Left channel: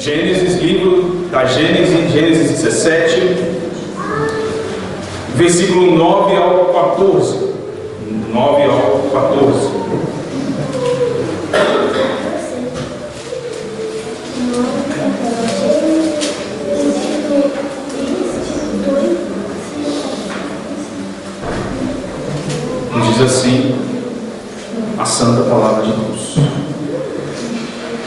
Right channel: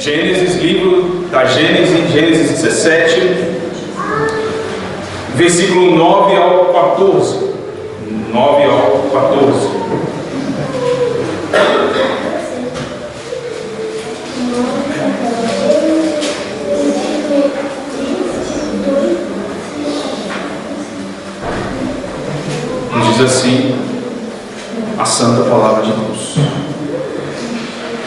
Gênesis, livro da Gênesis, Gênesis 17, versículo 9 ao 14. 9 ao 14. Diz assim a santa palavra de Deus.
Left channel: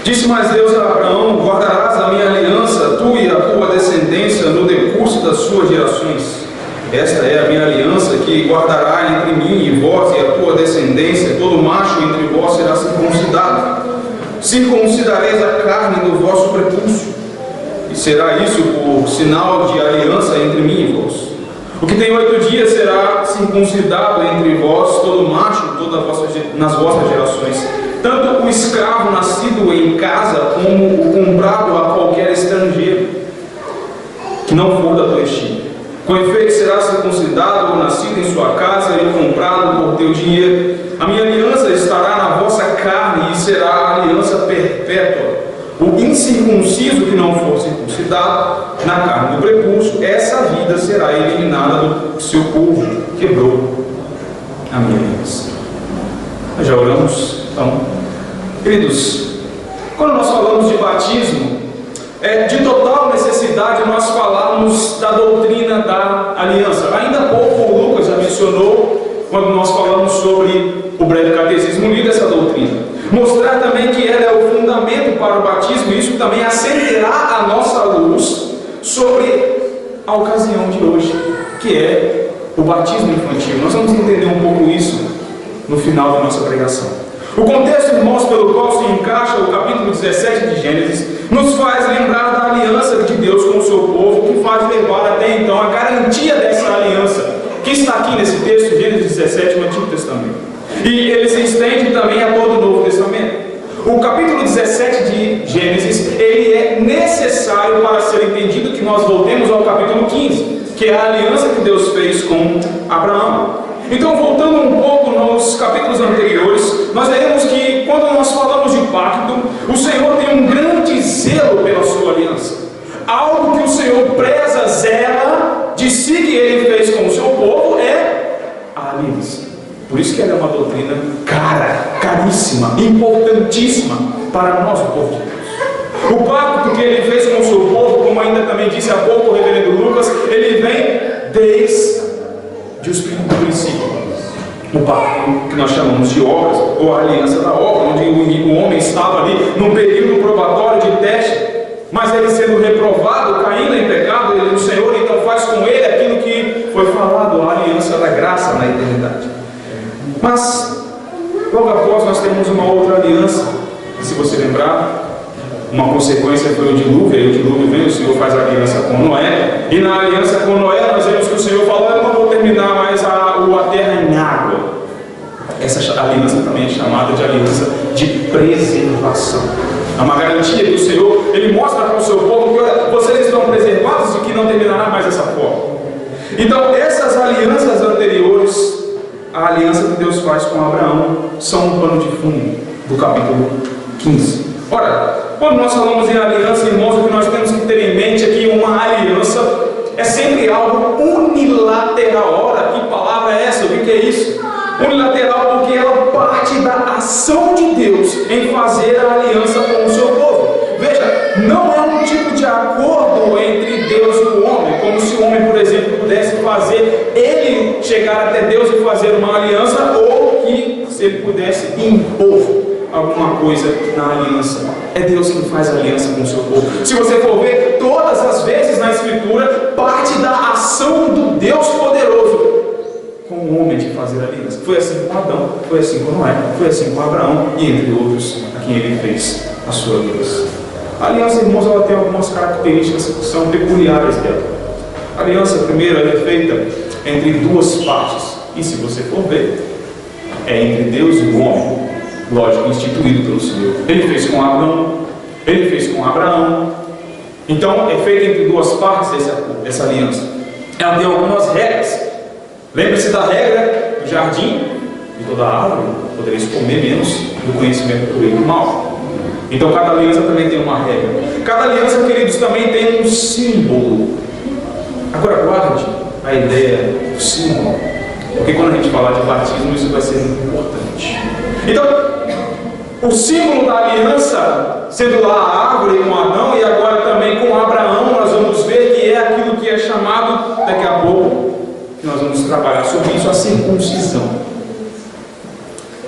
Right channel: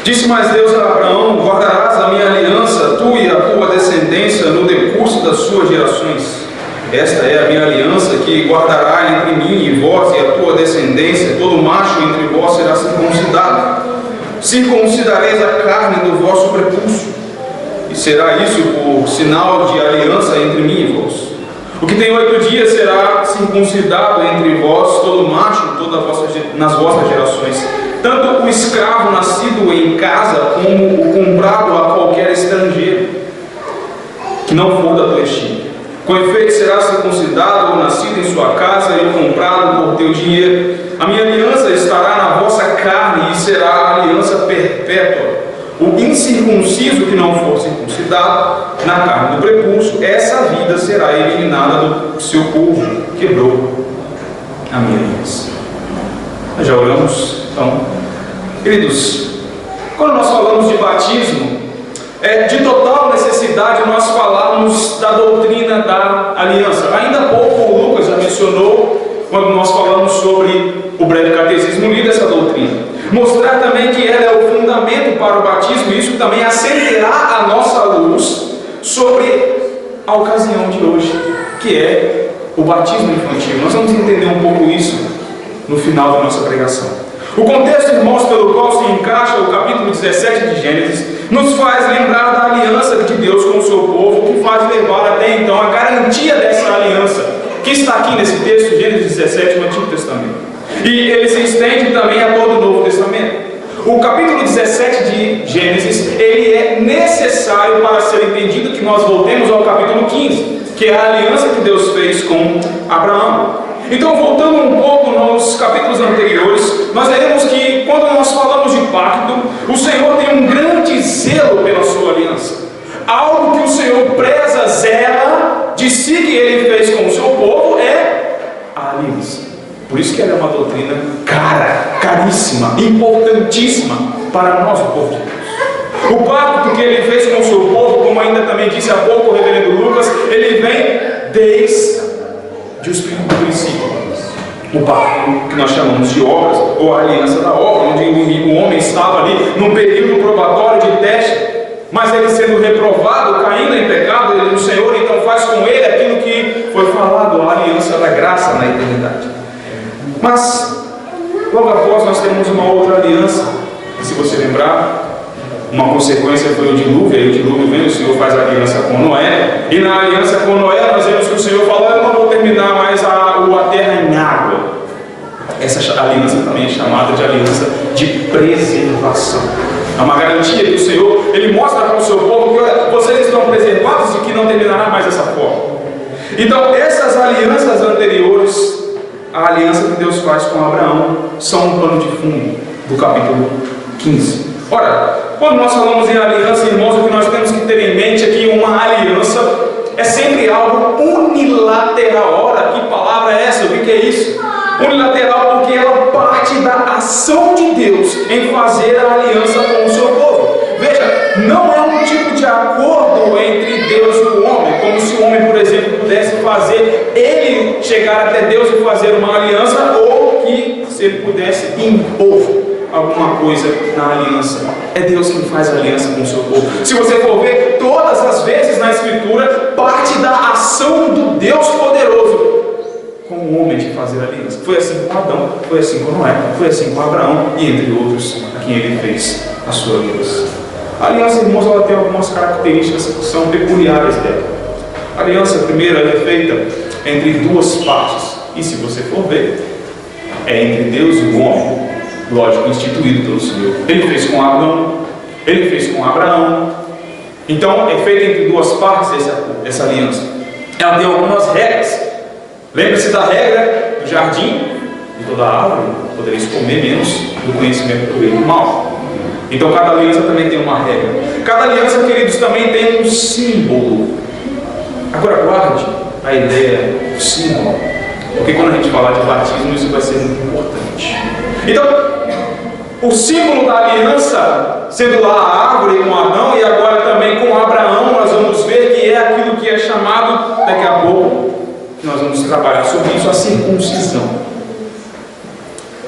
Disse mais Deus a Abraão: guardarás a minha aliança, tu e a tua descendência, no decurso das suas gerações. Esta é a minha aliança que guardará entre mim e vós e a tua descendência. Todo macho entre vós será circuncidado. Circuncidareis a carne do vosso prepúcio, e será isso por sinal de aliança entre mim e vós. O que tem 8 dias será circuncidado entre vós, todo macho, nas vossas gerações. Tanto o escravo nascido em casa, como o comprado a qualquer estrangeiro, que não for da tua estirpe. Com efeito, será circuncidado ou nascido em sua casa e comprado por teu dinheiro. A minha aliança estará na vossa carne e será aliança perpétua. O incircunciso que não for circuncidado na carne do prepúcio, essa vida será eliminada do seu povo. Quebrou a minha aliança. Nós já oramos? Então, queridos, quando nós falamos de batismo, é de total necessidade nós falarmos da doutrina da aliança. Ainda há pouco o Lucas já mencionou, quando nós falamos sobre o breve catecismo, lido essa doutrina. Mostrar também que ela é o fundamento para o batismo, e isso também acenderá a nossa luz sobre a ocasião de hoje, que é o batismo infantil. Nós vamos entender um pouco isso no final da nossa pregação. O contexto, irmãos, pelo qual se encaixa o capítulo 17 de Gênesis, nos faz lembrar da aliança de Deus com o seu povo, que faz levar até então a garantia dessa aliança, que está aqui nesse texto, Gênesis 17, no Antigo Testamento. E ele se estende também a todo o Novo Testamento. O capítulo 17 de Gênesis, ele é necessário para ser entendido que nós voltemos ao capítulo 15, que é a aliança que Deus fez com Abraão. Então, voltando um pouco nos capítulos anteriores, nós veremos que quando nós falamos de pacto, o Senhor tem um grande zelo pela sua aliança. Algo que o Senhor preza, zela, de si que ele fez com o seu povo é a aliança. Por isso que ela é uma doutrina cara, caríssima, importantíssima para nós, o povo de Deus. O pacto que ele fez com o seu povo, como ainda também disse há pouco o reverendo Lucas, ele vem desde o princípio. O pacto que nós chamamos de obras, ou a aliança da obra, onde o homem estava ali num período probatório de teste, mas ele sendo reprovado, caindo em pecado, o Senhor então faz com ele aquilo que foi falado, a aliança da graça na eternidade. Mas logo após nós temos uma outra aliança, que, se você lembrar, uma consequência foi o dilúvio. Aí o dilúvio vem, o Senhor faz a aliança com Noé, e na aliança com Noé nós vemos que o Senhor falou: eu não vou terminar mais a terra em água. Essa aliança também é chamada de aliança de preservação. É uma garantia que o Senhor, ele mostra para o seu povo que, olha, vocês estão preservados e que não terminará mais dessa forma. Então essas alianças anteriores, a aliança que Deus faz com Abraão, são um pano de fundo do capítulo 15. Ora, quando nós falamos em aliança, irmãos, o que nós temos que ter em mente é que uma aliança é sempre algo unilateral. Ora, que palavra é essa? O que é isso? Unilateral porque ela parte da ação de Deus em fazer a aliança com o seu povo. Veja, não é um tipo de acordo entre Deus e o homem, como se o homem, por exemplo, pudesse fazer ele chegar até Deus e fazer uma aliança, ou que se ele pudesse impor alguma coisa na aliança. É Deus quem faz a aliança com o seu povo. Se você for ver, todas as vezes na Escritura, parte da ação do Deus poderoso com o homem de fazer a aliança. Foi assim com Adão, foi assim com Noé, foi assim com Abraão e entre outros a quem ele fez a sua aliança. A aliança, irmãos, ela tem algumas características que são peculiares dela. A aliança primeira é feita entre duas partes, e se você for ver, é entre Deus e o homem, lógico, instituído pelo Senhor. Ele fez com Adão, ele fez com Abraão. Então é feita entre duas partes essa aliança. Ela tem algumas regras. Lembre-se da regra do jardim: de toda árvore podereis comer, menos do conhecimento do bem e do mal. Então cada aliança também tem uma regra. Cada aliança, queridos, também tem um símbolo. Agora guarde a ideia do símbolo, porque quando a gente falar de batismo, isso vai ser muito importante. Então, o símbolo da aliança, sendo lá a árvore com Adão e agora também com Abraão, nós vamos ver que é aquilo que é chamado, daqui a pouco, que nós vamos trabalhar sobre isso, a circuncisão.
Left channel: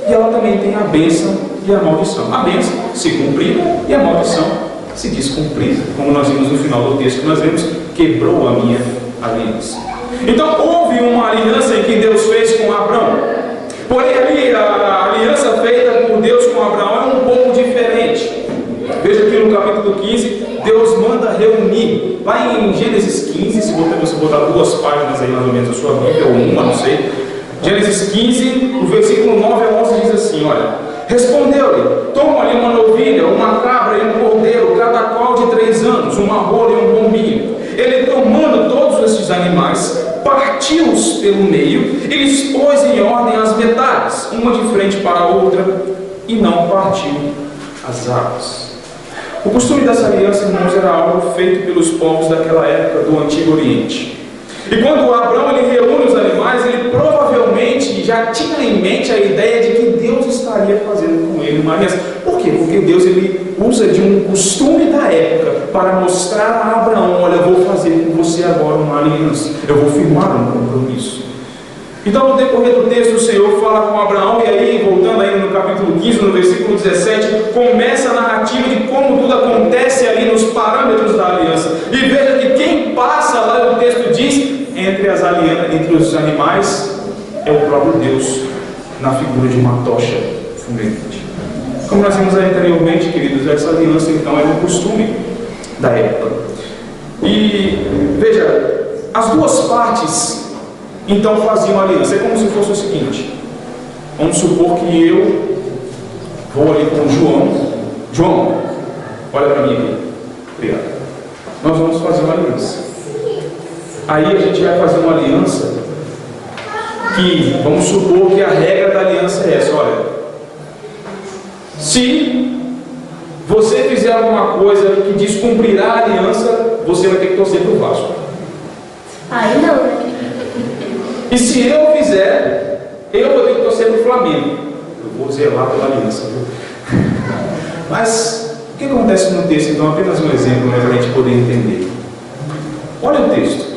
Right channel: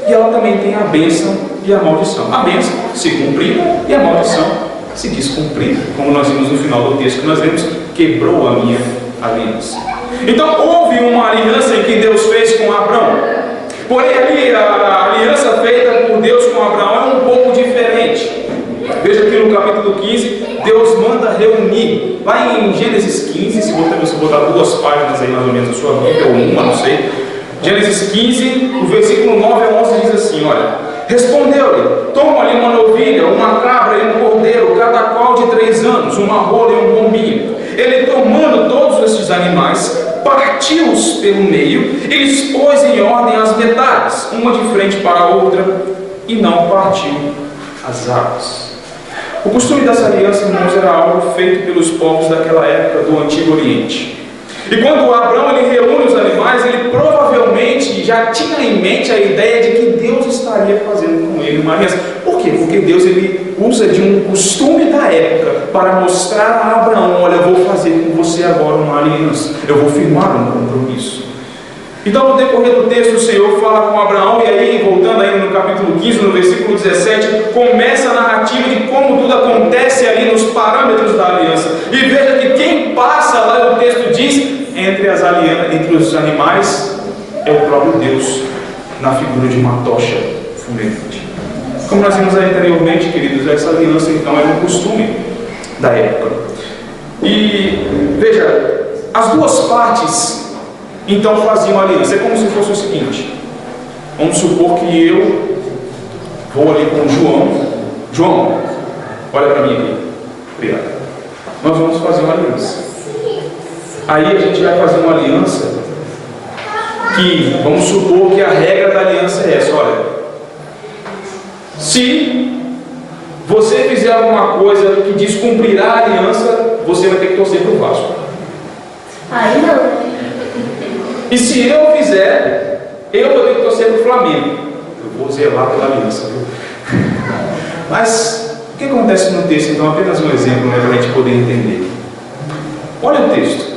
E ela também tem a bênção e a maldição. A bênção se cumprida e a maldição se descumprida. Como nós vimos no final do texto que nós vemos, quebrou a minha aliança. Então houve uma aliança em que Deus fez com Abraão. Porém ali a aliança feita por Deus com Abraão é um pouco diferente. Veja aqui no capítulo 15, Deus manda reunir. Lá em Gênesis 15, se você botar 2 páginas aí mais ou menos na sua Bíblia, ou uma, não sei. Gênesis 15, o versículo 9 a 11 diz assim, olha: respondeu-lhe: toma-lhe uma novilha, uma cabra e um cordeiro, cada qual de 3 anos, uma rola e um pombinho. Ele, tomando todos estes animais, partiu-os pelo meio e lhes pôs em ordem as metades, uma de frente para a outra, e não partiu as águas. O costume dessa aliança, irmãos, era algo feito pelos povos daquela época do Antigo Oriente. E quando Abraão ele reúne os animais, ele provavelmente já tinha em mente a ideia de que Deus estaria fazendo com ele uma aliança. Por quê? Porque Deus ele usa de um costume da época para mostrar a Abraão: olha, eu vou fazer com você agora uma aliança, eu vou firmar um compromisso. Então, no decorrer do texto, o Senhor fala com Abraão, e aí, voltando ainda no capítulo 15, no versículo 17, começa a narrativa de como tudo acontece ali nos parâmetros da aliança. E veja que quem passa, lá o texto diz, entre os animais, é o próprio Deus, na figura de uma tocha fumegante. Como nós vimos aí anteriormente, queridos, essa aliança então era um costume da época. E veja, as duas partes então faziam aliança. É como se fosse o seguinte: vamos supor que eu vou ali com o João. João, olha para mim aqui. Obrigado. Nós vamos fazer uma aliança. Aí a gente vai fazer uma aliança que, vamos supor que a regra da aliança é essa: olha, se você fizer alguma coisa que descumprirá a aliança, você vai ter que torcer para o Vasco. Aí não. E se eu fizer, eu vou ter que torcer para o Flamengo. Eu vou zelar pela aliança, viu? Mas o que acontece no texto? Então, apenas um exemplo, né, para a gente poder entender. Olha o texto.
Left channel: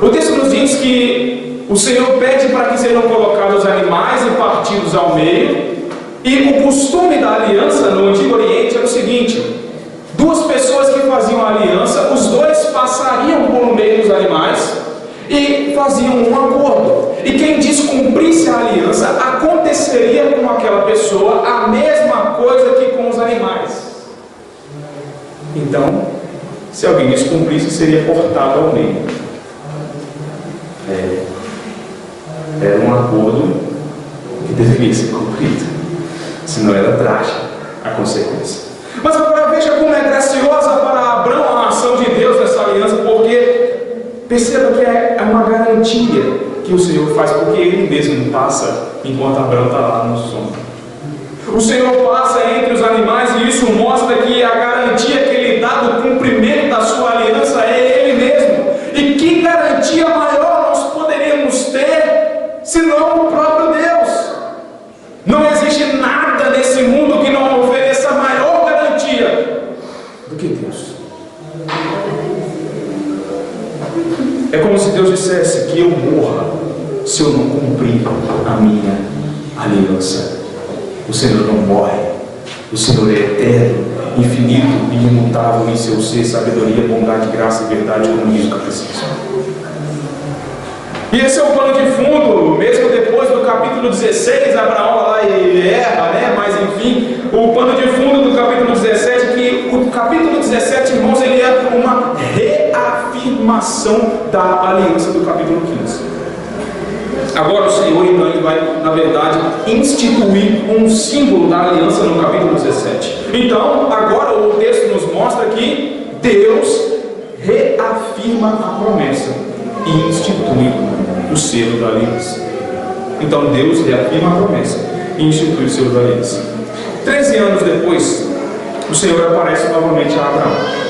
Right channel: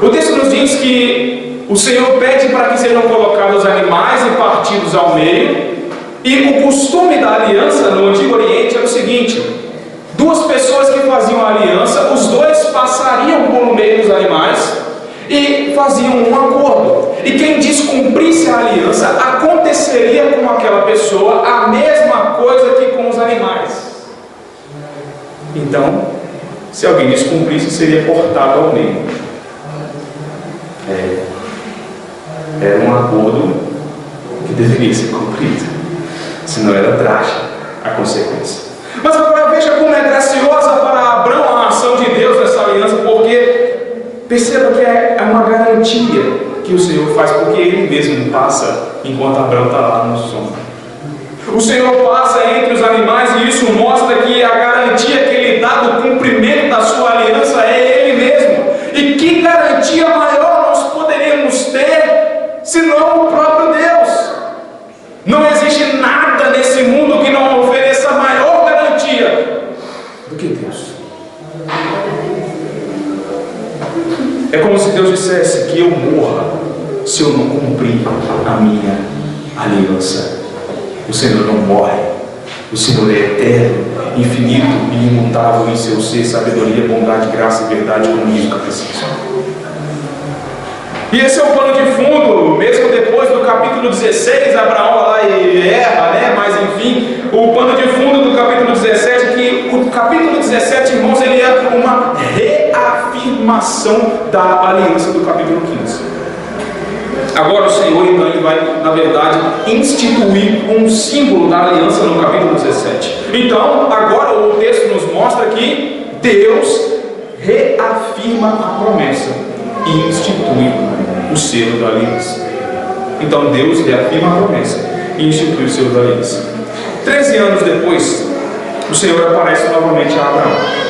O texto nos diz que o Senhor pede para que sejam colocados animais e partidos ao meio. E o costume da aliança no Antigo Oriente era o seguinte: 2 pessoas que faziam a aliança, os 2 passariam por meio dos animais e faziam um acordo. E quem descumprisse a aliança, aconteceria com aquela pessoa a mesma coisa que com os animais. Então, se alguém descumprisse, seria cortado ao meio. Era um acordo que deveria ser cumprido, senão era trágica a consequência. Mas agora veja como é graciosa para Abraão a ação de Deus nessa aliança, porque perceba que é uma garantia que o Senhor faz, porque Ele mesmo passa enquanto Abraão está lá no sono. O Senhor passa entre os animais, e isso mostra que a garantia que Ele dá do cumprimento da sua aliança é Ele mesmo. E que garantia maior nós poderíamos ter senão o próprio Deus? Não existe nada nesse mundo que não ofereça maior garantia do que Deus. É como se Deus dissesse que eu morra se eu não cumprir a minha aliança. O Senhor não morre. O Senhor é eterno, infinito e imutável em seu ser, sabedoria, bondade, graça e verdade, como diz o catecismo. E esse é o pano de fundo, mesmo depois do capítulo 16, Abraão vai lá e erra, né? Mas enfim, o pano de fundo do capítulo 17, que o capítulo 17, irmãos, ele é uma reafirmação da aliança do capítulo 15. Agora o Senhor, então, ele vai, na verdade, instituir um símbolo da aliança no capítulo 17. Então, agora o texto nos mostra que Deus reafirma a promessa e institui o selo da aliança. Então Deus reafirma a promessa e institui o selo da aliança. 13 anos depois, o Senhor aparece novamente a Abraão.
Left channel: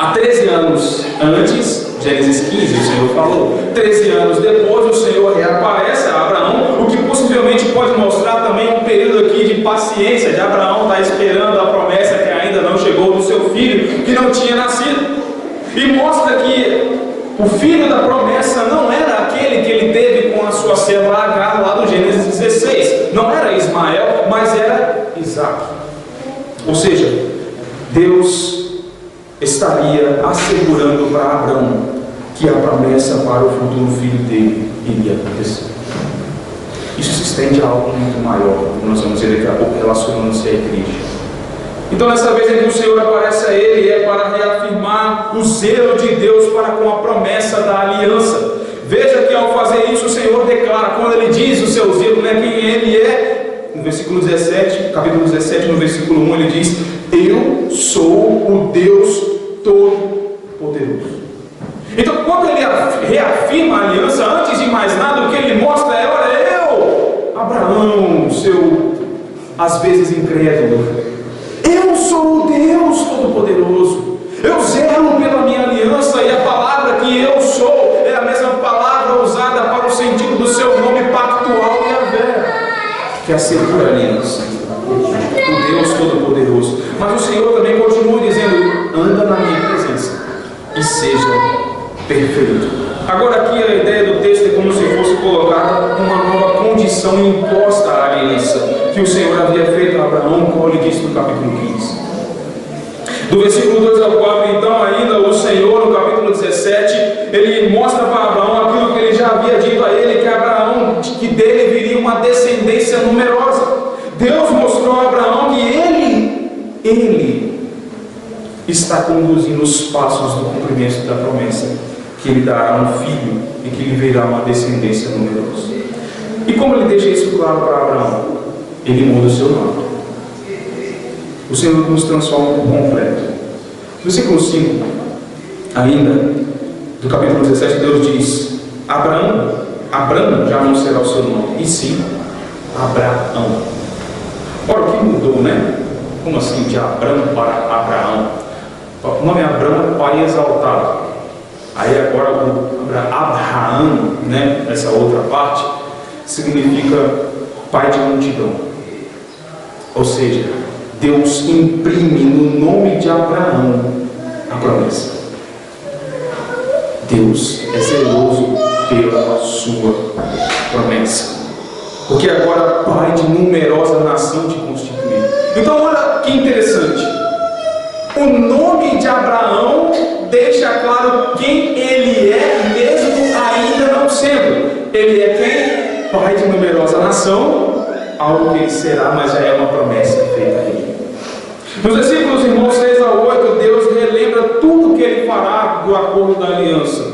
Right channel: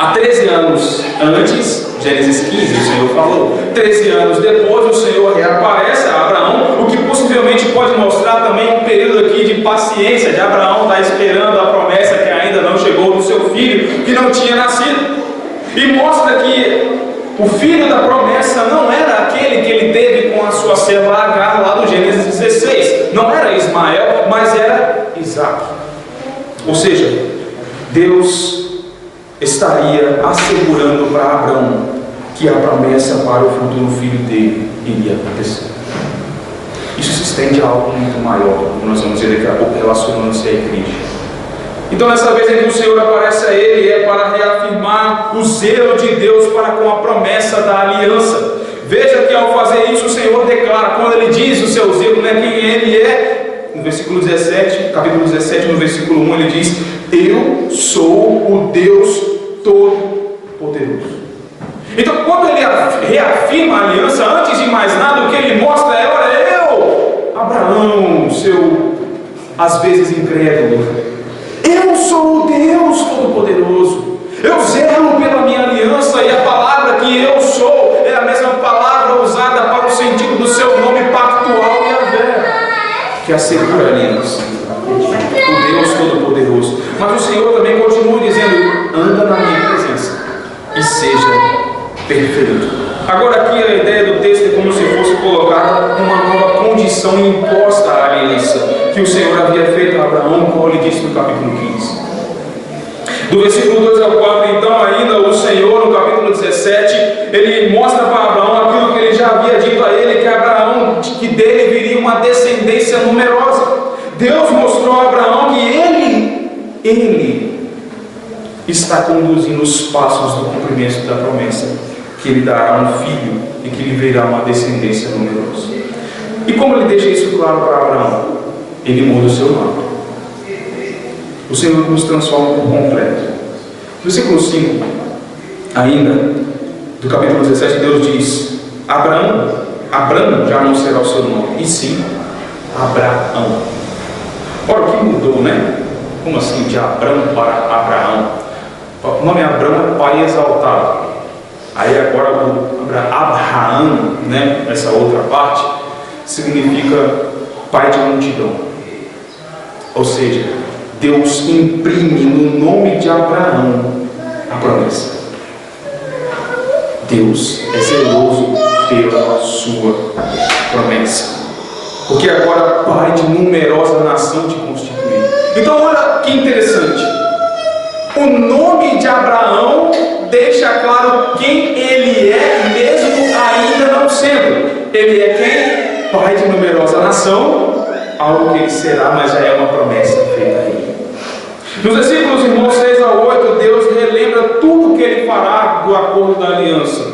Há 13 anos antes, Gênesis 15, o Senhor falou. 13 anos depois, o Senhor reaparece a Abraão, o que possivelmente pode mostrar também um período aqui de paciência, de Abraão estar esperando a promessa que ainda não chegou do seu filho, que não tinha nascido. E mostra que o filho da promessa não era aquele que ele teve com a sua serva Agar lá do Gênesis 16. Não era Ismael, mas era Isaac. Ou seja, Deus estaria assegurando para Abraão que a promessa para o futuro filho dele iria acontecer. Isso se estende a algo muito maior, como nós vamos ver daqui a pouco, relacionando-se à igreja. Então, nessa vez em que o Senhor aparece a ele, é para reafirmar o zelo de Deus para com a promessa da aliança. Veja que ao fazer isso, o Senhor declara, quando ele diz o seu zelo, né, quem ele é, no versículo 17, capítulo 17, no versículo 1, ele diz: eu sou o Deus Todo-Poderoso. Então, quando ele reafirma a aliança, antes de mais nada, o que ele mostra é: olha, eu, Abraão, seu, às vezes incrédulo, eu sou o Deus Todo-Poderoso. Eu zelo pela minha aliança, e a palavra que eu sou é a mesma palavra usada para o sentido do seu nome pactual, Yahvé, que assegura a aliança. O Deus Todo-Poderoso. Mas o Senhor também continua dizendo: anda na minha presença e seja perfeito. Agora aqui a ideia do texto é como se fosse colocada uma nova condição imposta à aliança que o Senhor havia feito a Abraão, como ele disse no capítulo 15. Do versículo 2 ao 4, então, ainda o Senhor, no capítulo 17, ele mostra para Abraão aquilo que ele já havia dito a ele, que Abraão, que dele viria uma descendência numerosa. Deus mostrou a Abraão que ele está conduzindo os passos do cumprimento da promessa, que ele dará um filho e que lhe virá uma descendência numerosa. E como ele deixa isso claro para Abraão? Ele muda o seu nome. O Senhor nos transforma por completo. Versículo 5, ainda, do capítulo 17, Deus diz: Abraão já não será o seu nome, e sim Abraão. Ora, o que mudou, né? Como assim, de Abraão para Abraão? O nome Abraão é pai exaltado. Aí agora o Abraão, né? Essa outra parte significa pai de multidão. Ou seja, Deus imprime no nome de Abraão a promessa. Deus é zeloso pela sua promessa, porque agora pai de numerosa nação te constituiu. Então olha que interessante, o nome de Abraão deixa claro quem ele é, mesmo ainda não sendo. Ele é quem? Pai de numerosa nação, algo que ele será, mas já é uma promessa feita a ele. Nos versículos, irmãos, 6 a 8, Deus relembra tudo que ele fará do acordo da aliança.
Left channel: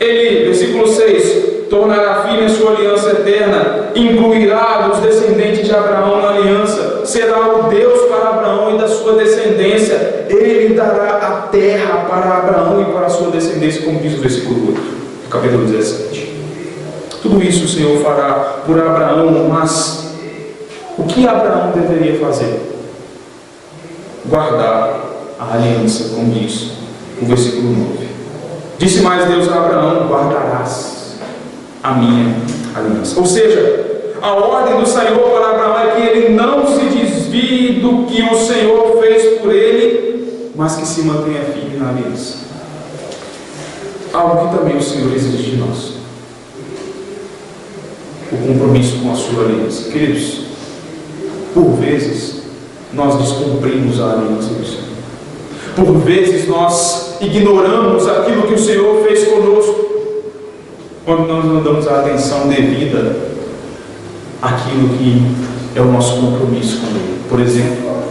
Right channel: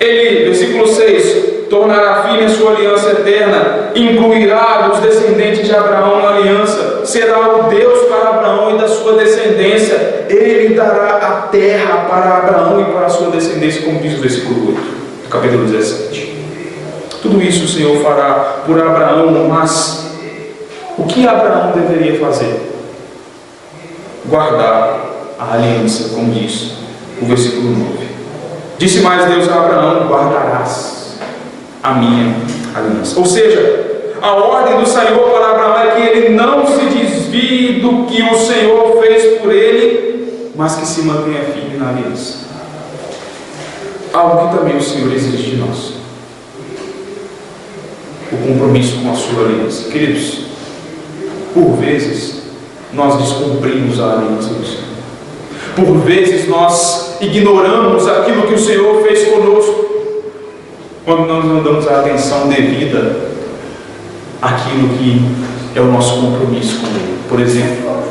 Ele, versículo 6, tornará firme a sua aliança eterna, incluirá os descendentes de Abraão na aliança, será o Deus para Abraão e da sua descendência, ele dará a terra para Abraão e para a sua descendência, como diz o versículo 8, do capítulo 17. Tudo isso o Senhor fará por Abraão, mas o que Abraão deveria fazer? Guardar a aliança, como diz o versículo 9. Disse mais Deus a Abraão: guardarás a minha aliança. Ou seja, a ordem do Senhor para Abraão é que ele não se desvie do que o Senhor fez por ele, mas que se mantenha firme na aliança. Algo que também o Senhor exige de nós: o compromisso com a sua aliança. Queridos, por vezes nós descumprimos a aliança do Senhor. Por vezes nós ignoramos aquilo que o Senhor fez conosco, quando nós não damos a atenção devida àquilo que é o nosso compromisso com Ele. Por exemplo,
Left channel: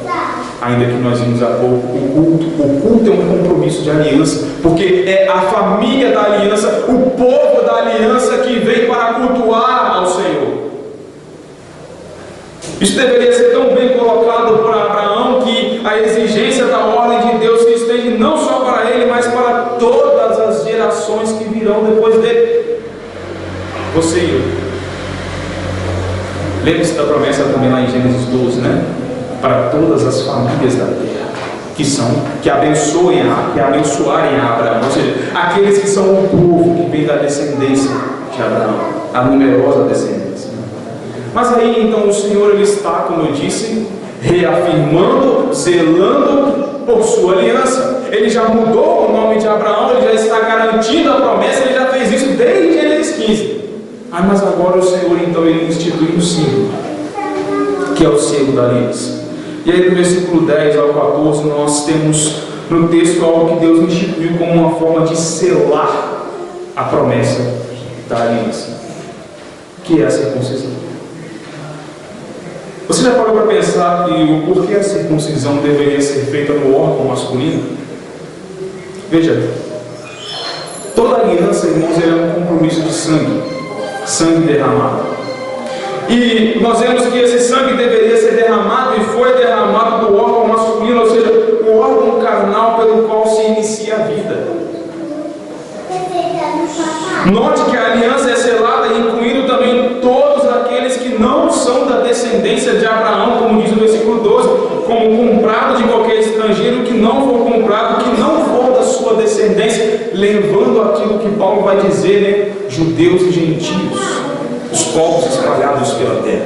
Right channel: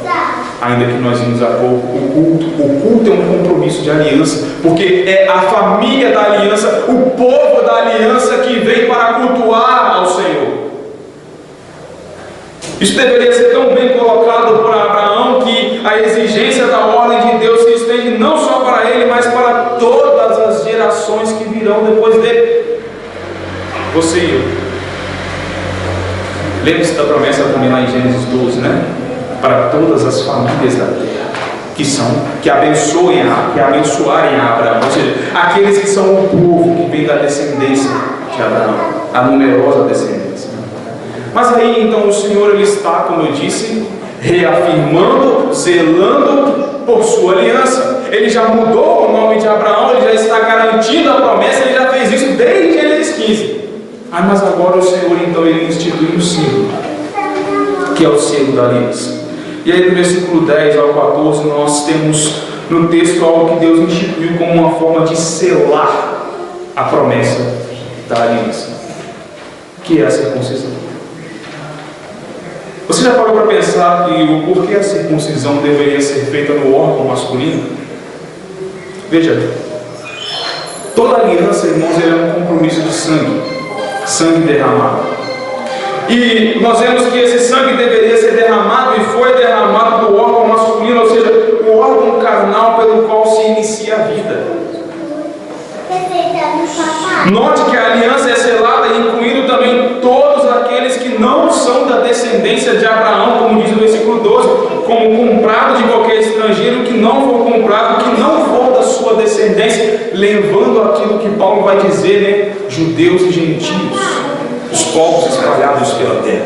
ainda que nós vimos há pouco, o culto é um compromisso de aliança, porque é a família da aliança, o povo da aliança que vem para cultuar ao Senhor. Isso deveria ser tão bem colocado por Abraão, que a exigência da ordem de Deus se estende não só para ele, mas para todas as gerações que virão depois dele. Você e eu. Lembre-se da promessa também lá em Gênesis 12, né? para todas as famílias da terra, que abençoarem a Abraão, ou seja, aqueles que são o povo que vem da descendência de Abraão, a numerosa descendência. Mas aí então o Senhor ele está, como eu disse, reafirmando, zelando por sua aliança. Ele já mudou o nome de Abraão, ele já está garantindo a promessa, ele já fez isso desde Gênesis 15. Mas agora o Senhor então ele institui um símbolo, que é o selo da aliança. E aí no versículo 10 ao 14 nós temos no texto algo que Deus instituiu como uma forma de selar a promessa da aliança, que é a circuncisão. Você já parou para pensar que o porquê a circuncisão deveria ser feita no órgão masculino? Veja, toda aliança, irmãos, é um compromisso de sangue derramado. E nós vemos que esse sangue deveria ser derramado e foi derramado do órgão masculino, ou seja, o órgão carnal pelo qual se inicia a vida. Note que a aliança é selada, incluindo também todos aqueles que não são da descendência de Abraão, como diz no versículo 12, como comprado de qualquer estrangeiro que não for comprado, que não for da sua descendência, levando aquilo que Paulo vai dizer, né? Judeus e gentios, os povos espalhados pela terra.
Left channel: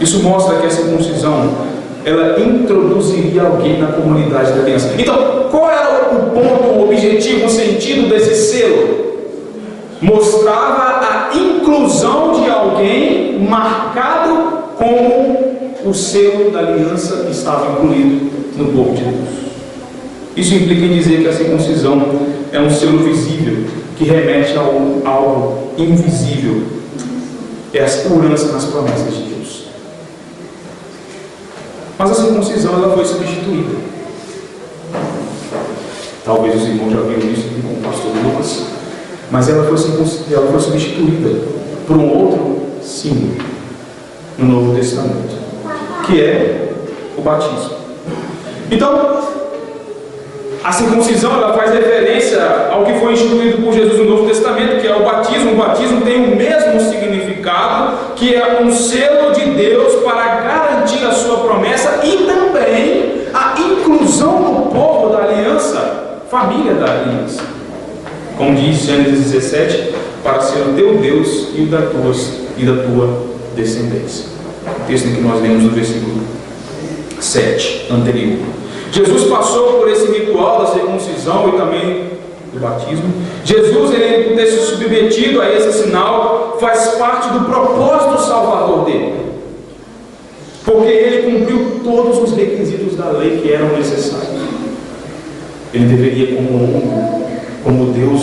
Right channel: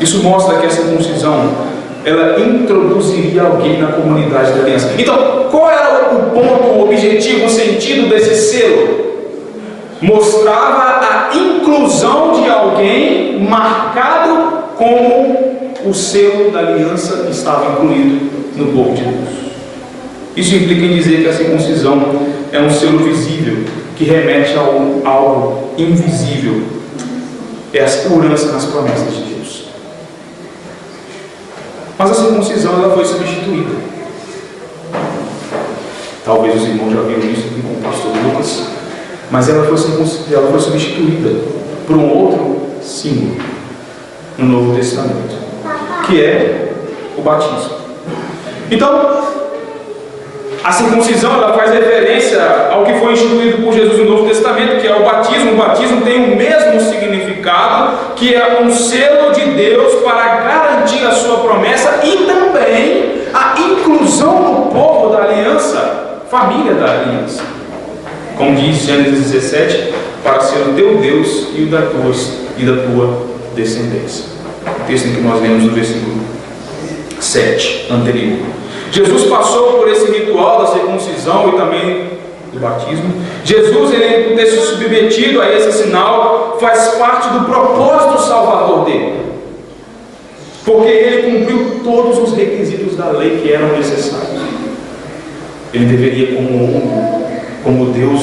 Isso mostra que a circuncisão ela introduziria alguém na comunidade da aliança. Então, qual era o ponto, o objetivo, o sentido desse selo? Mostrava a inclusão de alguém marcado como o selo da aliança estava incluído no povo de Deus. Isso implica em dizer que a circuncisão é um selo visível que remete a algo invisível. É a segurança nas promessas de Deus. Mas a circuncisão ela foi substituída. Talvez os irmãos já viram isso aqui com o pastor Lucas. Mas ela foi substituída por um outro símbolo no Novo Testamento, que é o batismo. Então, a circuncisão ela faz referência ao que foi instituído por Jesus no Novo Testamento, que é o batismo. O batismo tem o mesmo significado, que é um selo de Deus para garantir a sua promessa e também a inclusão do povo da aliança, família da aliança. Como diz Gênesis 17, para ser o teu Deus e o da tua descendência. O texto em que nós lemos no versículo 7 anterior. Jesus passou por esse ritual da circuncisão e também do batismo. Jesus, ele ter se submetido a esse sinal, faz parte do propósito salvador dele, porque ele cumpriu todos os requisitos da lei que eram necessários. Ele deveria, como homem, como Deus,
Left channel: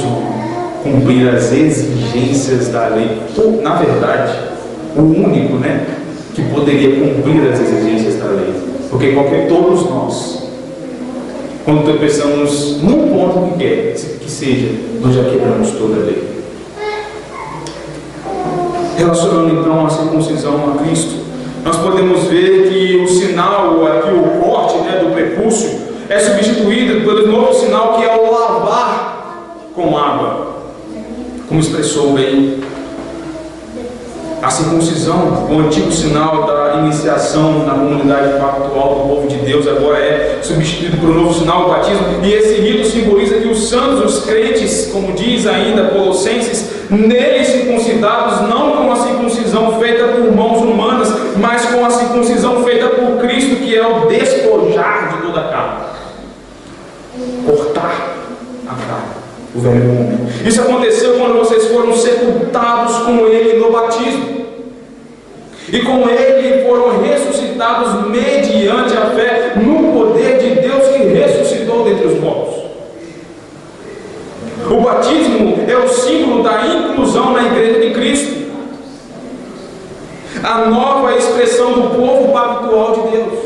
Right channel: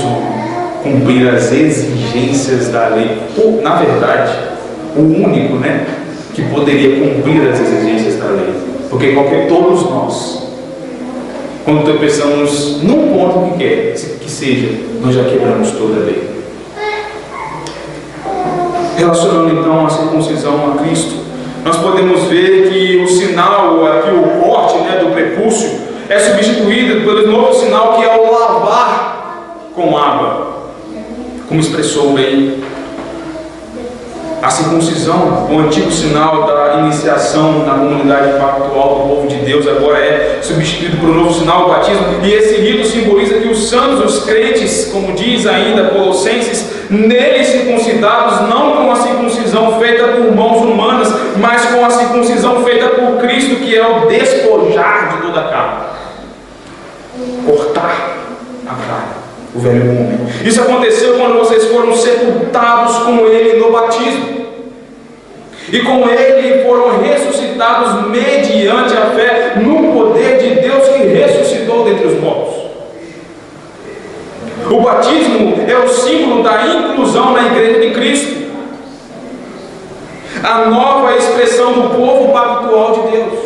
cumprir as exigências da lei. Na verdade, o único, que poderia cumprir as exigências da lei, porque todos nós, quando tropeçamos num ponto que seja, nós já quebramos toda a lei. Relacionando então a circuncisão a Cristo, nós podemos ver que o sinal, aqui o corte do prepúcio, é substituído pelo novo sinal que é o lavar com água, como expressou bem. A circuncisão, o antigo sinal da iniciação na comunidade pactual do povo de Deus, agora é substituído por um novo sinal, o batismo, e esse rito simboliza que os santos, os crentes, como diz ainda Colossenses, neles circuncidados, não com a circuncisão feita por mãos humanas, mas com a circuncisão feita por Cristo, que é o despojar de toda a carne, cortar a carne, o velho homem. Isso aconteceu quando vocês foram sepultados com Ele no batismo, e com Ele foram ressuscitados mediante a fé no poder de Deus que ressuscitou dentre os mortos. O batismo é o símbolo da inclusão na igreja de Cristo, a nova expressão do povo pactual de Deus.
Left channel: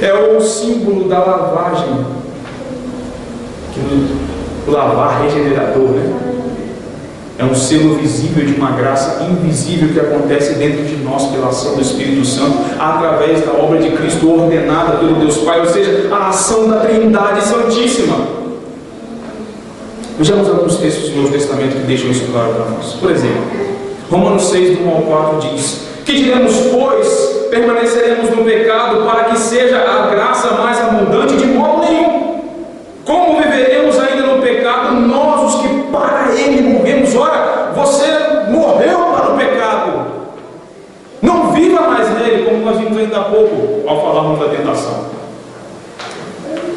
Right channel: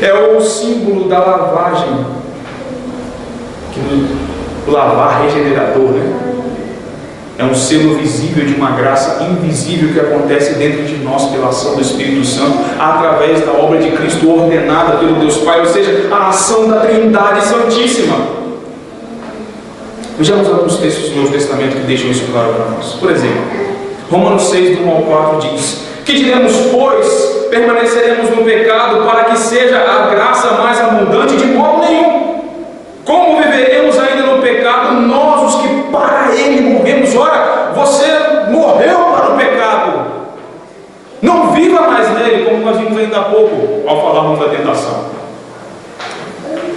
É o símbolo da lavagem, o lavar regenerador, é um selo visível de uma graça invisível que acontece dentro de nós pela ação do Espírito Santo, através da obra de Cristo ordenada pelo Deus Pai, ou seja, a ação da Trindade Santíssima. Vejamos alguns textos do Novo Testamento que deixam isso claro para nós. Por exemplo, Romanos 6, do 1 ao 4 diz: Que diremos, pois? Permaneceremos no pecado para que seja a graça mais abundante? De modo nenhum. Como viveremos ainda no pecado, nós os que para ele morremos? Ora, você morreu para o pecado. Não viva mais nele, como nós vimos ainda há pouco, ao falarmos da tentação.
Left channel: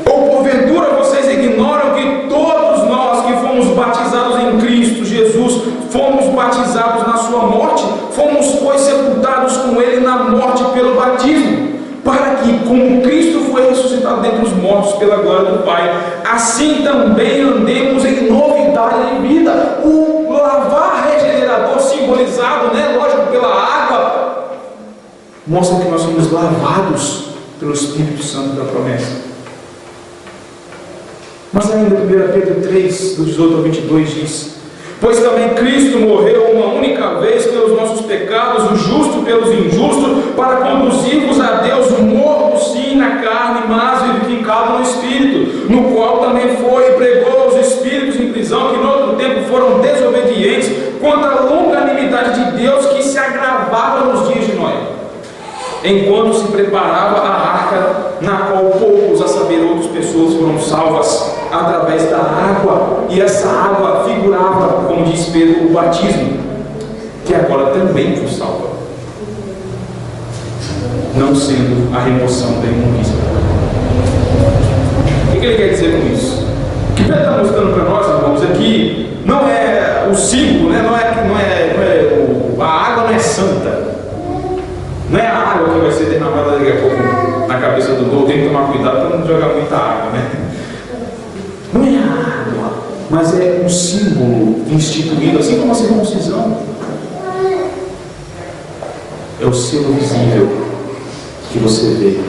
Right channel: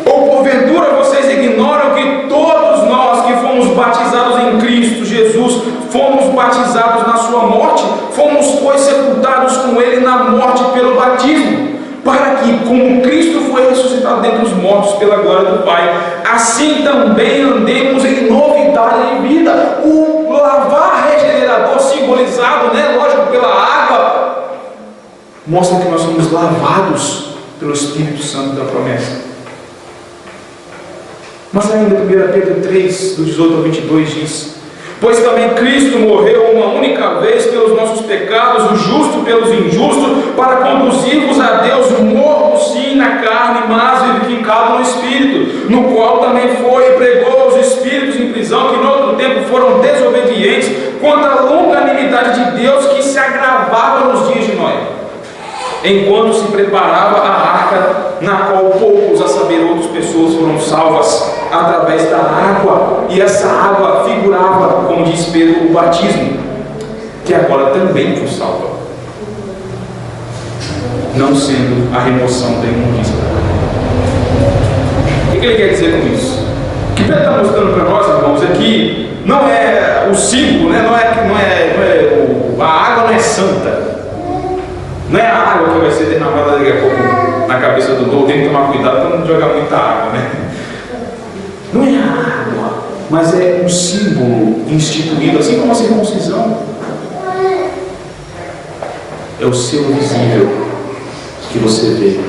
Ou porventura vocês ignoram que todos nós que fomos batizados em Cristo Jesus, fomos batizados na sua morte? Fomos, pois, sepultados com ele na morte pelo batismo, para que, como Cristo foi ressuscitado dentre os mortos pela glória do Pai, assim também andemos em novidade de vida. O lavar regenerador, simbolizado, lógico, pela água, mostra que nós somos lavados pelo Espírito Santo da promessa. Mas ainda 1 Pedro 3, do 18 ao 22 diz: pois também Cristo morreu uma única vez pelos nossos pecados, o justo pelos injustos, para conduzir-vos a Deus, morto sim na carne, mas vivificado no Espírito, no qual também foi e pregou aos espíritos em prisão, que no outro tempo foram desobedientes, quanto à longanimidade de Deus que se agravava nos dias de Noé, enquanto se preparava a arca, na qual poucos, a saber, outras pessoas foram salvas através da água, e essa água figurava, como diz Pedro, o batismo, que agora também vos salva, não sendo a remoção da imundícia. O que ele quer dizer com isso? O que Pedro está mostrando para nós, irmãos, é que não é o símbolo, a água não é santa. Não é a água que vai ser derramada daqui a pouco na cabeça do novo. Tem que tomar cuidado para não jogar muita água, Não é a água, mas é um símbolo instituído, assim como a circuncisão. É o selo visível que você vê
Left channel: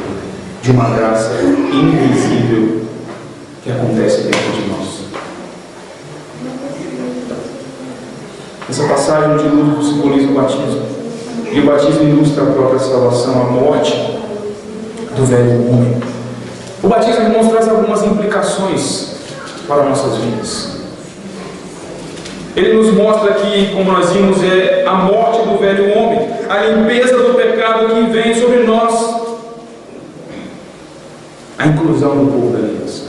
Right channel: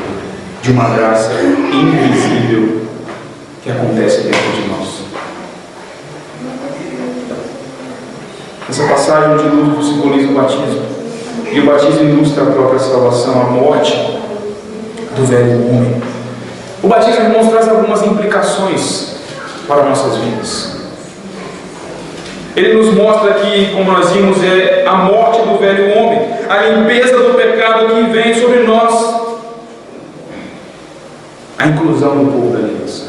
de uma graça invisível que acontece dentro de nós. Essa passagem de luz simboliza o batismo. E o batismo ilustra a própria salvação, a morte do velho homem. O batismo, irmãos, traz algumas implicações para nossas vidas. Ele nos mostra que, como nós vimos, é a morte do velho homem, a limpeza do pecado que vem sobre nós, a inclusão do povo da aliança.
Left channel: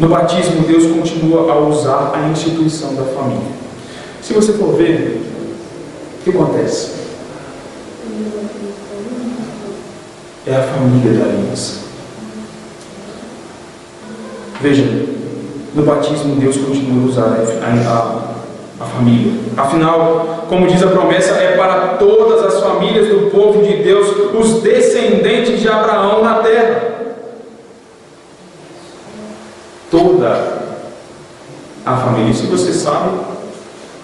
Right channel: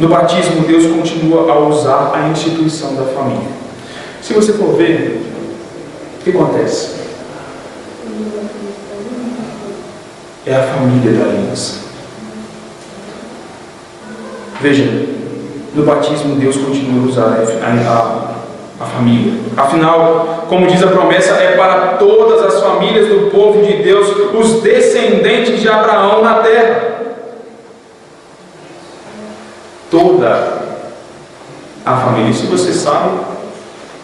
No batismo, Deus continua a usar a instituição da família. Se você for ver, o que acontece? É a família da aliança. Veja, no batismo Deus continua a usar a família. Afinal, como diz a promessa, é para todas as famílias do povo de Deus, os descendentes de Abraão na terra. Toda a família. E se você sabe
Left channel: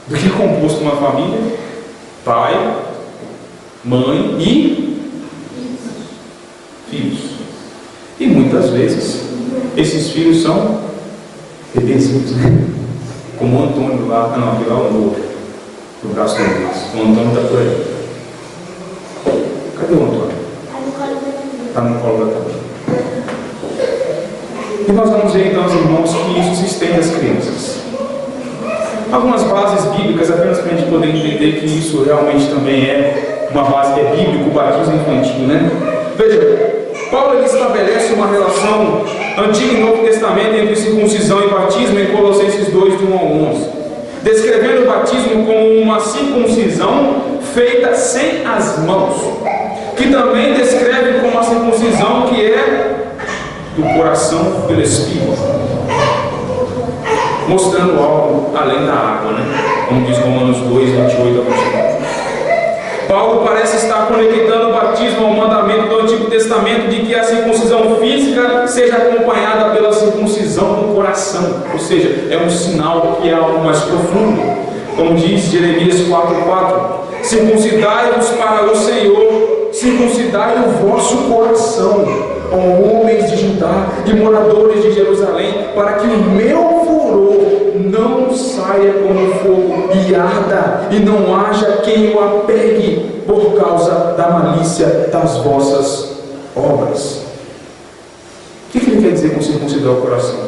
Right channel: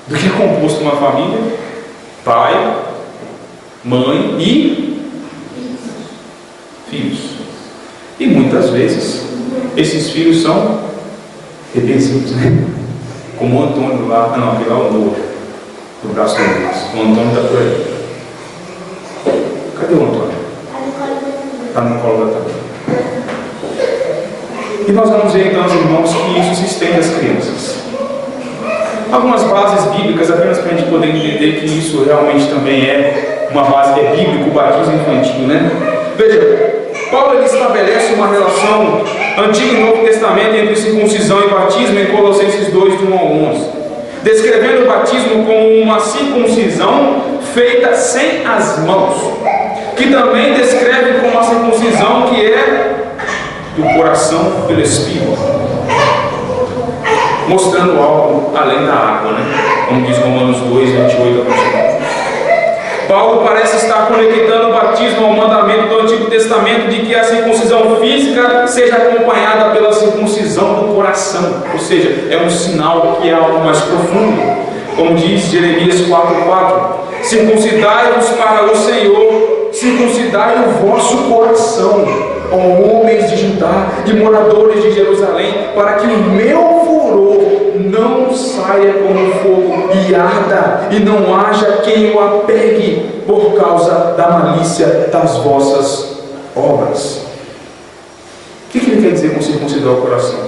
do que é composto uma família? Pai, mãe e filhos. E muitas vezes esses filhos são bebezinhos, como o Antônio lá. Não, aquele lá é o Noah, no braço do braço. O Antônio está por aí. Cadê o Antônio? Está no colo da Tamara. E nós vamos ver então, irmãos, que isso se estende às crianças. Algumas bases bíblicas, apenas para a gente poder entender que isso realmente também é uma base que é bíblica, o batismo infantil, Veja, Paulo ele estabelece uma relação Antigo e Novo Testamento entre circuncisão e batismo em Colossenses 2, de 1 ao 11, descrevendo o batismo como uma circuncisão feita sem as mãos, que também descreve como a circuncisão que é do coração pelo Espírito, mostrando algo além da água, como diz Romanos 2, 28 a 29. Paulo parece estar conectando o batismo ao mandamento do Antigo Testamento de que a circuncisão física seja acompanhada pela circuncisão do coração, ou seja, é um sinal que é algo mais profundo, como diz Jeremias 4:4: circuncidai-vos para o Senhor, circuncidai o vosso coração, ó homens de Judá e moradores de Jerusalém, para que o meu furor não saia como fogo e arda, e não haja quem o apegue por causa da malícia das vossas obras. O que ele quer dizer com circuncidar o coração?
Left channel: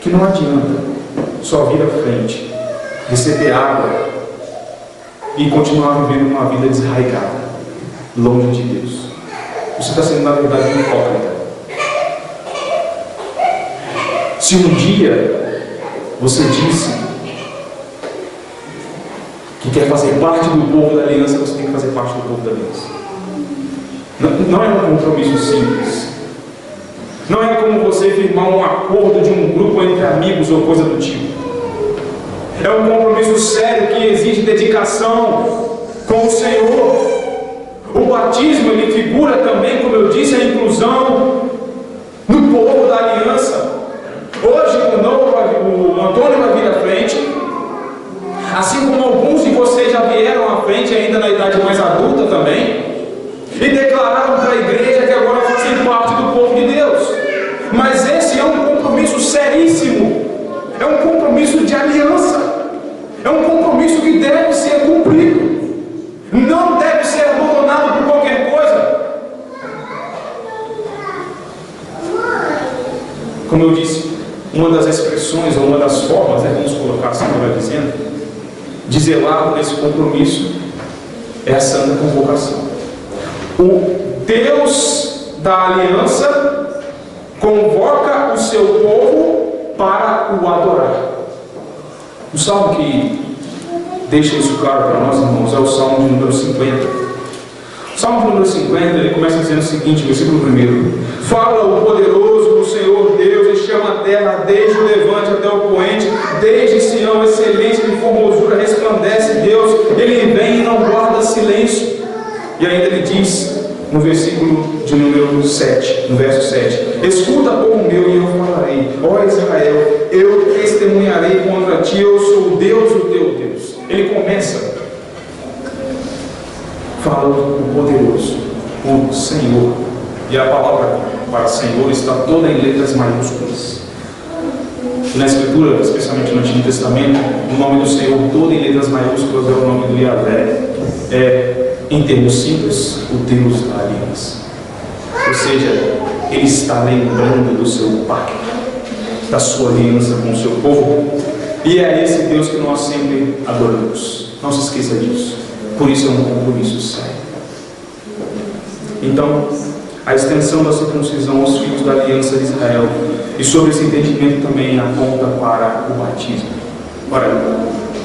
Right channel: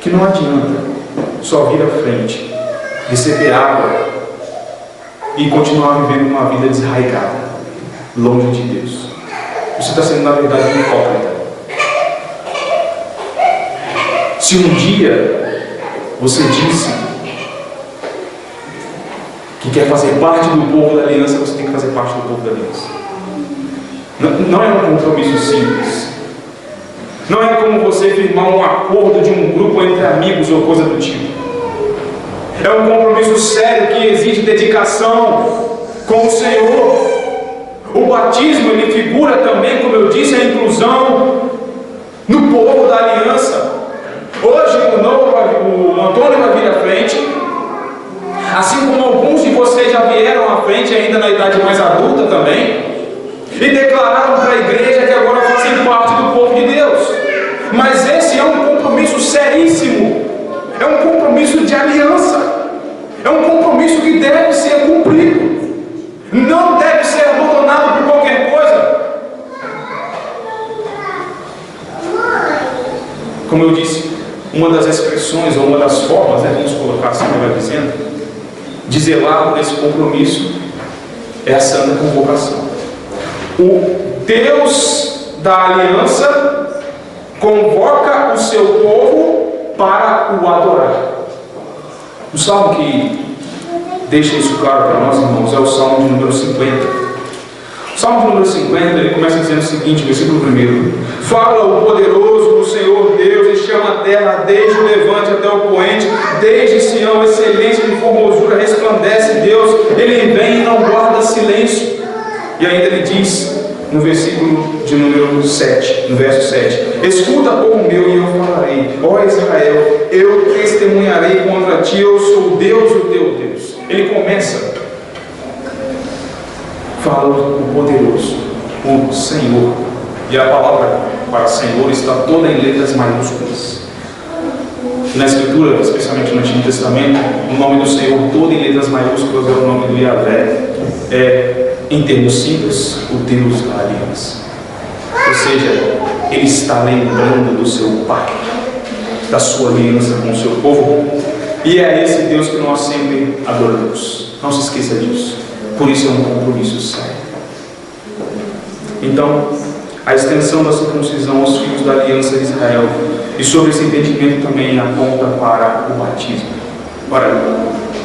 Que não adianta só vir à frente, receber água e continuar vivendo uma vida desarraigada, longe de Deus. Você está sendo, na verdade, um hipócrita. Se um dia você disse que quer fazer parte do povo da aliança, você tem que fazer parte do povo da aliança. Não é um compromisso simples. Não é como você firmar um acordo de um grupo entre amigos ou coisa do tipo. É um compromisso sério que exige dedicação com o Senhor. O batismo, ele figura também, como eu disse, a inclusão no povo da aliança. Hoje o Antônio vai vir à frente, assim como alguns de vocês já vieram à frente, ainda na idade mais adulta também, e declararam para a igreja que agora fazem parte do povo de Deus. Mas esse é um compromisso seríssimo, é um compromisso de aliança, é um compromisso que deve ser cumprido, não deve ser abandonado por qualquer coisa. Como eu disse, uma das expressões, ou uma das formas, vamos colocar assim, melhor dizendo, de zelar por esse compromisso é a santa convocação. O Deus da aliança convoca o seu povo para o adorar. O salmo que deixa isso claro para nós, irmãos, é o salmo de número 50. O salmo de número 50, ele começa dizendo o seguinte, versículo 1: Fala o poderoso do Senhor Deus e chama a terra desde o levante até o poente, desde Sião, excelência de formosura resplandece Deus, ele vem e não guarda silêncio. E ainda ele diz no versículo de número 7, no verso 7: Escuta, povo meu, e eu falarei, ó Israel, eu testemunharei contra ti, eu sou Deus, o teu Deus. Ele começa, fala o poderoso, o Senhor, e a palavra para Senhor está toda em letras maiúsculas. Na Escritura, especialmente no Antigo Testamento, o nome do Senhor todo em letras maiúsculas é o nome do Yahvé, em termos simples, o Deus da aliança. Ou seja, Ele está lembrando do seu pacto, da sua aliança com o seu povo, e é esse Deus que nós sempre adoramos. Não se esqueça disso. Por isso é um compromisso sério. Então, a extensão da circuncisão aos filhos da aliança de Israel, e sobre esse entendimento também aponta para o batismo. Ora,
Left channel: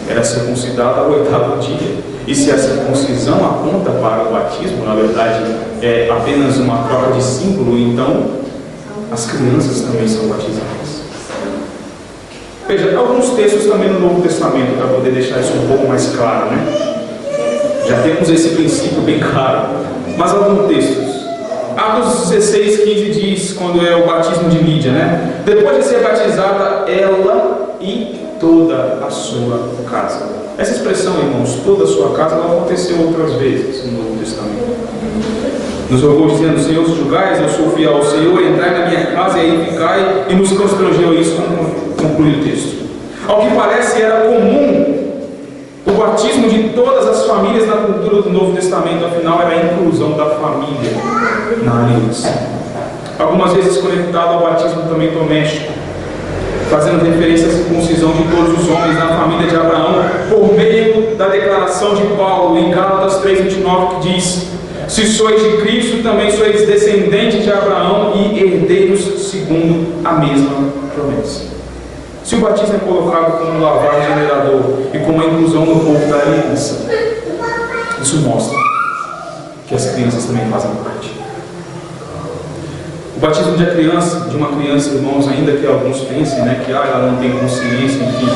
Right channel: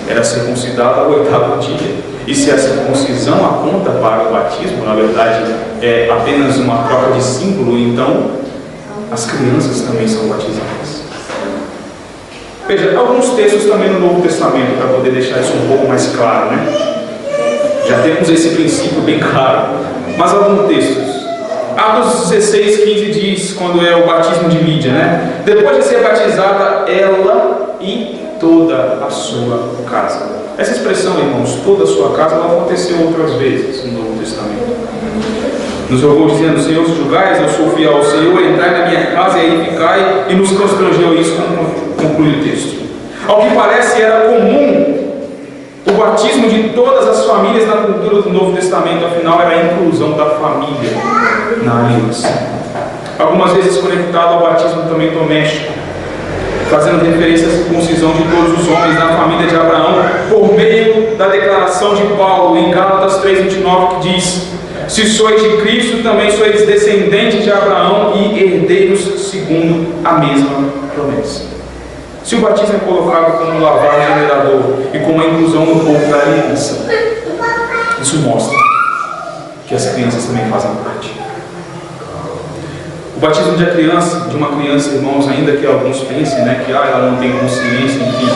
era circuncidado ao 8º dia. E se a circuncisão aponta para o batismo, na verdade é apenas uma troca de símbolo, então as crianças também são batizadas. Veja, alguns textos também no Novo Testamento, para poder deixar isso um pouco mais claro, né? Já temos esse princípio bem claro, mas alguns textos. Atos 16:15 diz, quando é o batismo de Lídia, né? Depois de ser batizada, ela e toda a sua casa. Essa expressão, irmãos, toda a sua casa, ela aconteceu outras vezes no Novo Testamento. Nos rogou dizendo: Senhor, se julgais, eu sou fiel ao Senhor, entrai na minha casa e aí ficai, e nos constrangeu isso, como conclui o texto. Ao que parece, era comum o batismo de todas as famílias na cultura do Novo Testamento, afinal era a inclusão da família na aliança. Algumas vezes conectado ao batismo também doméstico, fazendo referência à circuncisão de todos os homens na família de Abraão, por meio da declaração de Paulo em Gálatas 3:29, que diz: Se sois de Cristo, também sois descendentes de Abraão e herdeiros segundo a mesma promessa. Se o batismo é colocado como um lavar regenerador e como a inclusão no povo da aliança, isso mostra que as crianças também fazem parte. O batismo de uma criança, irmãos, ainda que alguns pensem, né, que ela não tem consciência, enfim,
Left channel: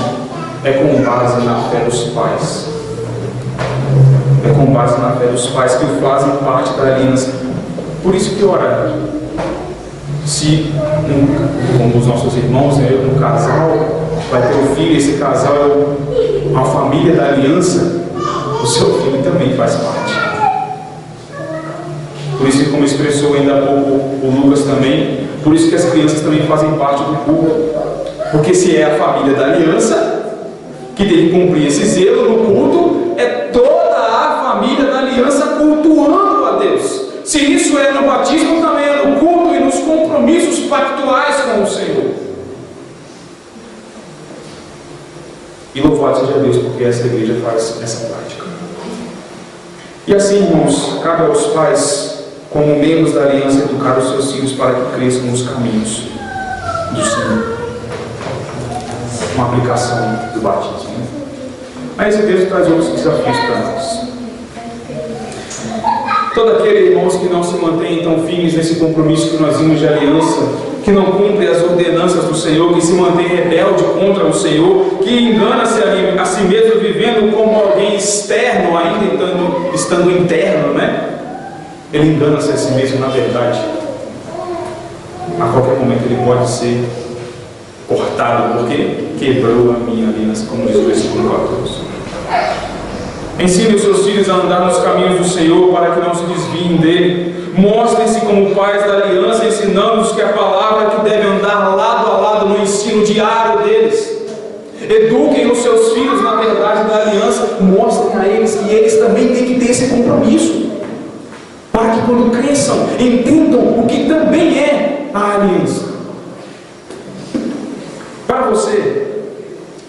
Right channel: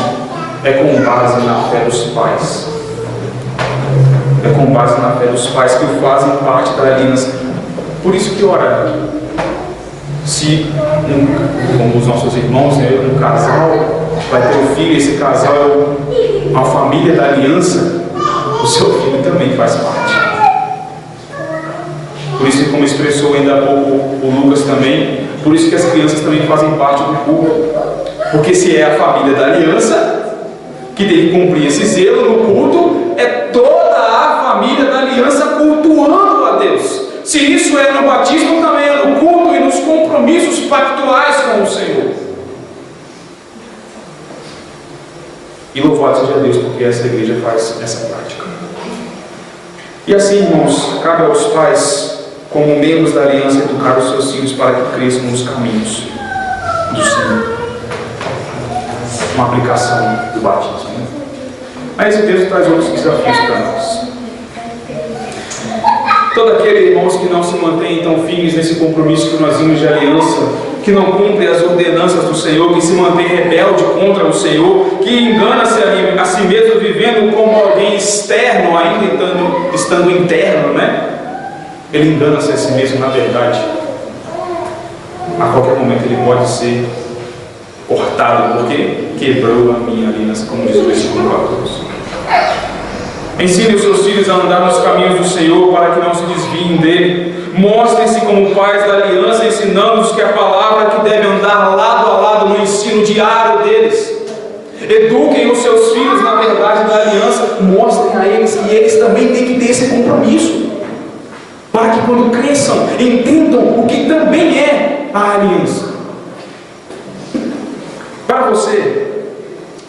é com base na fé dos pais. É com base na fé dos pais que fazem parte da aliança. Por isso que ora, se como os nossos irmãos, né, um casal vai ter um filho, esse casal é uma família da aliança, o seu filho também faz parte. Por isso que, como expressou ainda há pouco o Lucas também, por isso que as crianças também fazem parte do culto. Porque se é a família da aliança que tem que cumprir esse zelo no culto, é toda a família da aliança cultuando a Deus. Se isso é no batismo, também é no culto e nos compromissos pactuais com o Senhor. E louvado seja Deus, porque essa igreja faz essa prática. E assim, irmãos, cabe aos pais, como membros da aliança, educar os seus filhos para que cresçam nos caminhos do Senhor. Uma aplicação do batismo, né? Mas esse texto traz outros desafios para nós. Todo aquele, irmãos, que não se mantém então firmes nesse compromisso que nós vimos de aliança, que não cumpre as ordenanças do Senhor, que se mantém rebelde contra o Senhor, que engana-se a si mesmo, vivendo como alguém externo, ainda estando interno, né? Ele engana-se a si mesmo, na verdade. A qualquer momento ele pode ser cortado, porque quebrou a minha aliança, como diz o versículo 14. Ensine os seus filhos a andar nos caminhos do Senhor, para que não se desviem dele. Mostrem-se como pais da aliança, ensinando-os que a palavra que deve andar lado a lado no ensino diário deles. Eduquem os seus filhos na verdade da aliança, mostrem a eles que eles também têm que ter esse compromisso, para que quando cresçam, entendam o que também é a aliança. Para você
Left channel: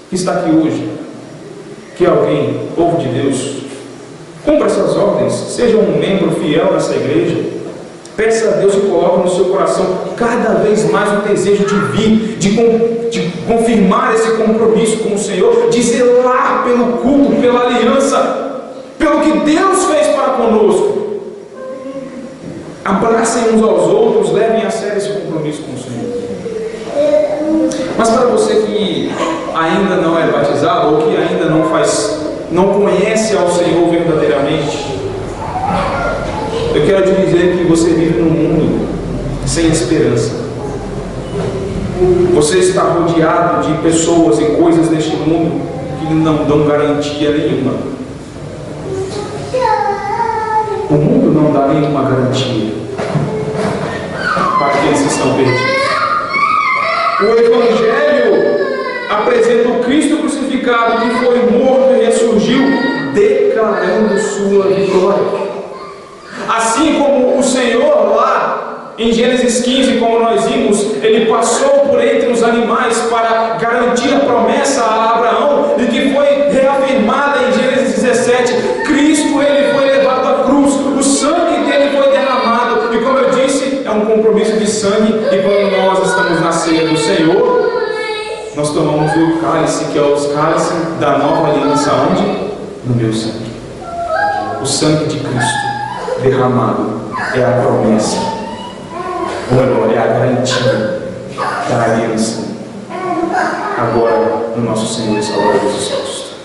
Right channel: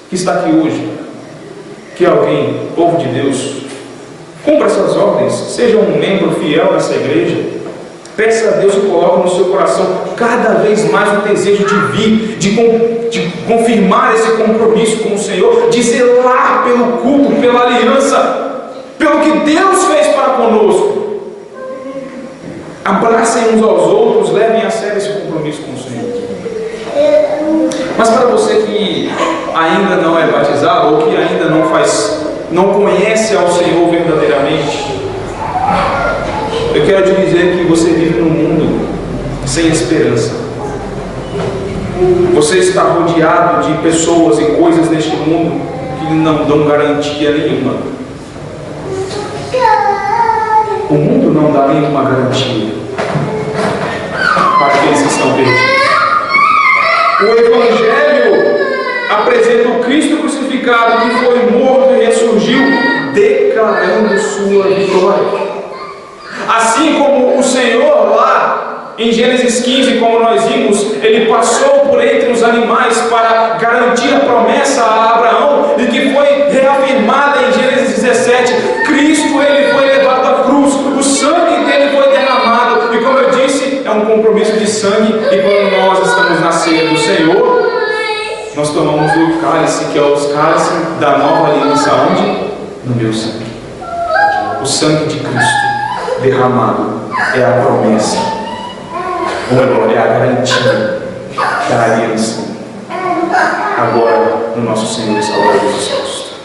que está aqui hoje, que alguém, povo de Deus, cumpra essas ordens, seja um membro fiel dessa igreja, peça a Deus e coloque no seu coração cada vez mais o desejo de vir, de confirmar esse compromisso com o Senhor, de zelar pelo culto, pela aliança, pelo que Deus fez para conosco. Abracem uns aos outros, levem a sério esse compromisso com o Senhor. Mas para você que ainda não é batizado, ou que ainda não conhece ao Senhor verdadeiramente, eu quero te dizer que você vive num mundo sem esperança. Você está rodeado de pessoas e coisas neste mundo que não dão garantia nenhuma. O mundo não dá nenhuma garantia para aqueles que estão perdidos. O Evangelho apresenta o Cristo crucificado, que foi morto e ressurgiu, declarando sua vitória. Assim como o Senhor lá em Gênesis 15, como nós vimos, ele passou por entre os animais para garantir a promessa a Abraão, e que foi reafirmada em Gênesis 17. Cristo, ele foi levado à cruz, o sangue dele foi derramado, e como eu disse, é um compromisso de sangue. E quando nós estamos na ceia do Senhor, nós tomamos o cálice, que é o cálice da nova aliança. Onde? No meu sangue. O sangue de Cristo derramado é a promessa, ou melhor, é a garantia da aliança, agora no nosso Senhor e Salvador Jesus Cristo.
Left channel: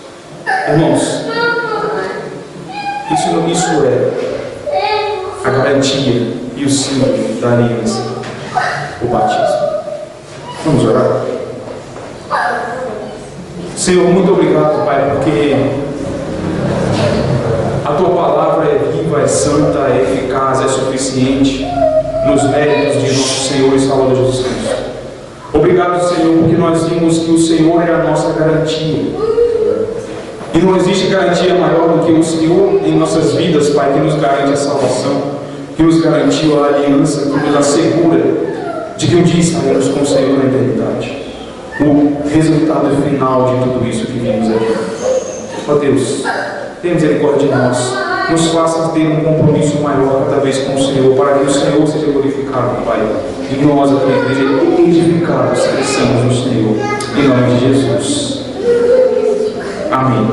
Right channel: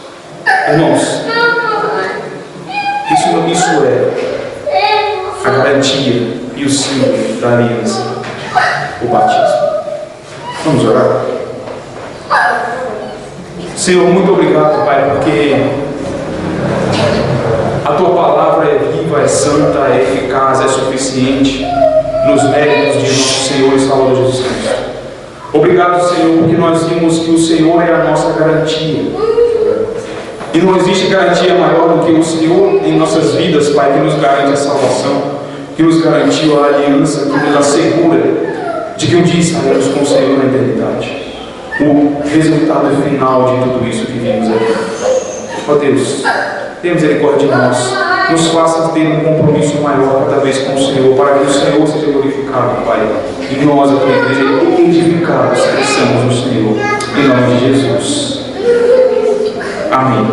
Irmãos, isso é a garantia e o símbolo da aliança, o batismo. Vamos orar? Senhor, muito obrigado, Pai, porque a Tua palavra é viva, é santa, é eficaz, é suficiente nos méritos de nosso Senhor e Salvador Jesus Cristo. Obrigado, Senhor, porque nós vimos que o Senhor é a nossa garantia. E não existe garantia maior do que o Senhor em nossas vidas, Pai, que nos garante a salvação, que nos garantiu a aliança, que nos assegura de que um dia estaremos com o Senhor na eternidade. O resultado final de tudo isso que vimos aqui. Ó Deus, tenha misericórdia de nós, nos faça ter um compromisso maior cada vez com o Senhor, para que o Senhor seja glorificado, Pai, e nós, a tua igreja, edificados, cresçamos no Senhor, em nome de Jesus. Amém.